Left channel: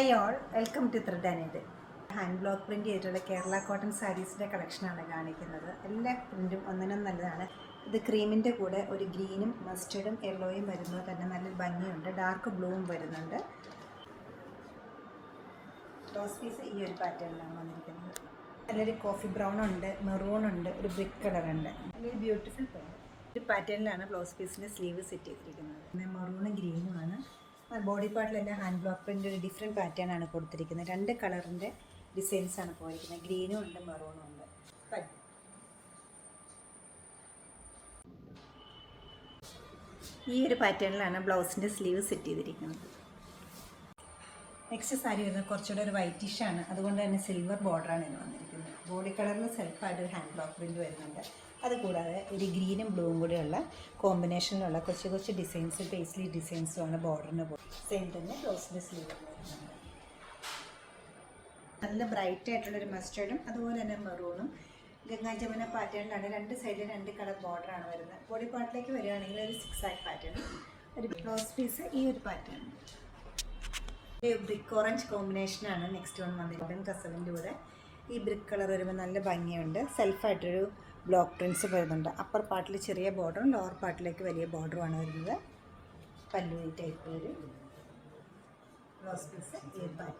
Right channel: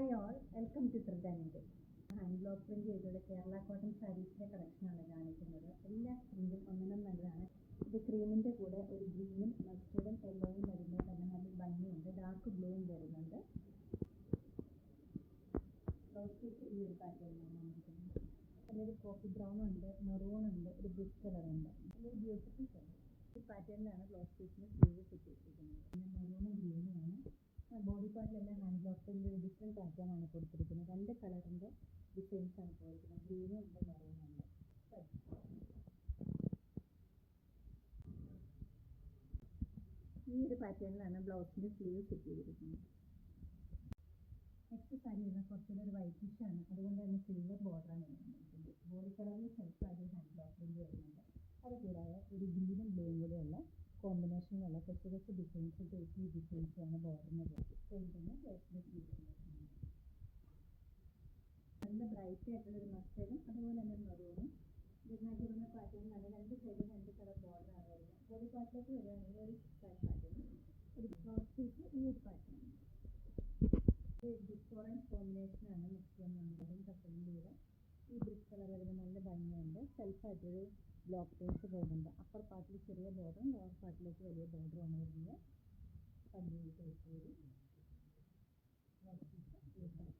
Hi all, welcome to thread and needle. Hand block print ചെയ്തിട്ടുള്ള Kerala cotton സാരീസിൻ്റെ കളക്ഷനാണ് കാണിക്കുന്നത്. എല്ലാ പ്രിൻറ്റും ഒന്നിനും നല്ലതാണ്. ഇത് ക്രീമിൻ്റെ കൂടെ ഒരു ഗ്രീനും മസ്റ്റർഡും യെല്ലോയും വരുന്നത് തന്നെ നല്ലൊരു ഭംഗിയുണ്ട്. ഡാർക്ക് ബ്ലൂവും വരുന്നുണ്ട്. റോസ് പീസ് ഈ ഒരു പാറ്റേണിലാണ് വന്നിരിക്കുന്നത്. നല്ലൊരു കോഫി ബ്രൗൺ ഉണ്ട്, മെറൂൺ ഉണ്ട്, ഒരു ബ്രിക്ക് കളറുണ്ട്. നല്ലൊരു ബ്യൂട്ടിഫുൾ ഒരു പാറ്റേണിലാണ് ബ്ലൗസ് പീസിൻ്റെ സ്ലീവ് സെറ്റ് ചെയ്തിരിക്കുന്നത്. മെറൂണും ഗ്രീനുമാണ്. ബോഡി പാർട്ടിലെല്ലാം ഹാൻഡ് ബ്ലോക്ക് പ്രിൻ്റ് ഒരു ഡിഫറെൻറ്റ് പാറ്റേൺ ആണ് കൊടുത്തിരിക്കുന്നത്. രണ്ട് കളറിൻ്റെ ഡിസൈൻസാണ് പോയിരിക്കുന്നത്. ഗ്രീനും ഉണ്ട്, മെറൂണും ഉണ്ട്. ഈ ഒരു പാറ്റേണിലാണ് ബ്ലൗസിൻ്റെ സ്ലീവ് സെറ്റ് ചെയ്തിരിക്കുന്നത്. നെക്സ്റ്റ് സാരി വരുന്നത് കുറച്ചുകൂടെ ഒരു വൈറ്റിഷാണ്, അതുകൊണ്ട് തന്നെ സിൽവർ ബോർഡറാണ് ഇത് വന്നിരിക്കുന്നത്. ബോഡി കളറിൽ സെൽഫായിട്ട് ഒരു ഹാൻഡ് ബ്ലോക്ക് പ്രിൻറ്റ് വരുന്നുണ്ട്. അതുകൂടാതെ ഒരു ഗ്രീനും ബ്ലൂവും കൂടെയുള്ള കോമ്പിനേഷനിലുള്ള കൊച്ചു കൊച്ചു ഡിസൈൻസ്, പേസ്ലി ഡിസൈൻസുമാണ് ബോർഡറിന് സെയിം തന്നെ ബ്ലൗസിൻ്റെ സ്ലീവ് വരുന്നുണ്ട്. നല്ല ബ്രൈറ്റ് ആയിട്ടുള്ളൊരു മസ്റ്റേർഡും അതുപോലെ തന്നെ മെറൂണും ഗംഗാ ജമുന പാറ്റേണിലാണ്. രണ്ട് സൈഡിൽ രണ്ട് കളർ ബോർഡറാണ് വരുന്നത്. ബോഡി പാർട്ടിലേക്ക് വരികയാണെങ്കിൽ ഒരു 6 ആയി പാറ്റേൺ. ഒരു ബ്ലൗസ് പീസ് ഈ ഒരു പാറ്റേൺ. ഒരു ബ്രിക്ക് ഓറഞ്ച് കോമ്പിനേഷനാണ് നെക്സ്റ്റ് വൺ വന്നിരിക്കുന്നത്. കസവിൻ്റെ കൂടെ ഈ ബ്രിക്ക് കളർ വരുമ്പോൾ നല്ല ഭംഗിയുണ്ട്. സെൽഫായിട്ടൊരു ബ്ലോക്ക് പ്രിൻറ്റ്സ് വരുന്നുണ്ട്. അപ്പർ പാർട്ടിൽ ചെറിയ ബോർഡറും ലോവർ പാർട്ടിലേക്ക് വലിയ ബോർഡറുമാണ് വരുന്നത്. പല്ലു ടൈപ്പ് ഒരു ബ്ലൗസ് പീസ് ഈ പാറ്റേൺ.